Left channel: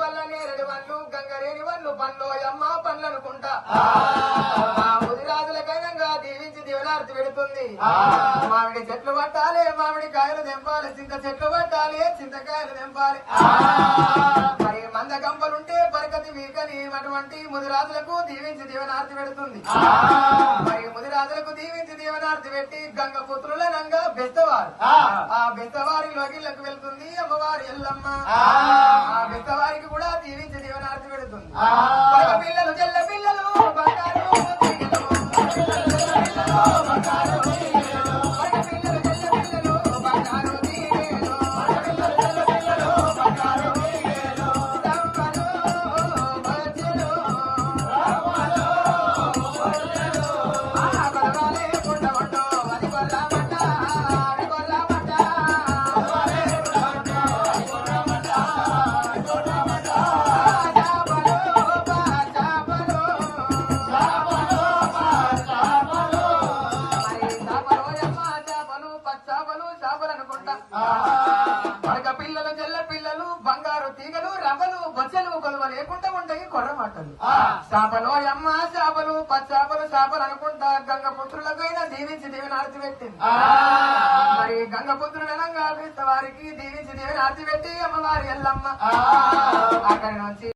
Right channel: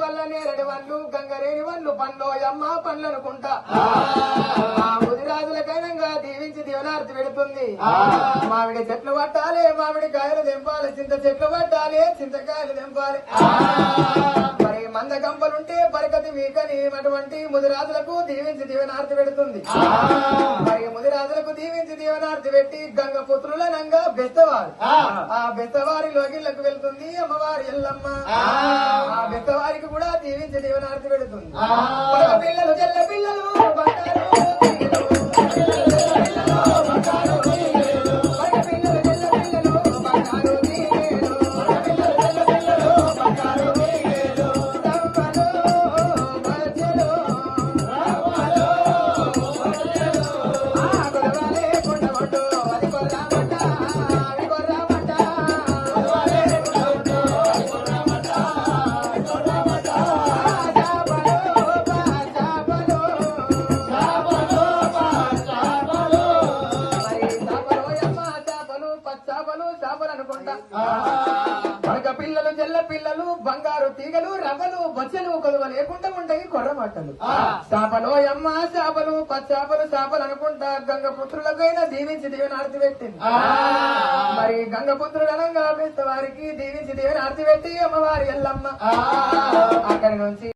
వల్ల నేరని వాళ్ళు గంగరేని వాళ్ళు పండ్లోయమ్మ పండ్లనుకుంటా ముదిరాజులకైనా దీవించి దీవనార్థి పెడుతుంది మామిడి చెట్లు పట్టాలి మామిడి కాయలు తెంపాలి చింత చెట్లు పట్టాలి చింతకాయలు తెంపాలి మరి మంద గంపలుంటే బరకతి మీకని అటువంటి ముదిరాజులకు దీవించి దీవనార్థి పెడుతుంది మరి ముదిరాజులకు దీవించి దీవనార్థి పెట్టి గంగ పుత్రులనంగా బెత్తవారు ఆ బెత్తవారి లోగిళ్లకు వెళ్తుంది అమ్మవారి ఎల్లమ్మ ఆ బెత్తవారికి కూడా దీవించి దీవనార్థి పెడుతుంది పిల్లలు చెల్ల పిల్లలు పిల్లలు తెల్ల పిల్లలు బంగారు తీగలు రవ్వలు బచ్చలు కొలువ లేకుండా ఉండని కొర్రమట్టలు చేపలో అమ్మ చేపలు పచ్చాపలు చేపలు అనుకుంటా గంగ పుత్రులకైనా దీవించి దీవెనార్తి పెట్టింది మరి గంగ పుత్రులనంగా వారికి దీవించి దీవెనార్తి పెట్టి అమ్మవారి ఎల్లమ్మ అక్కడి నుంచి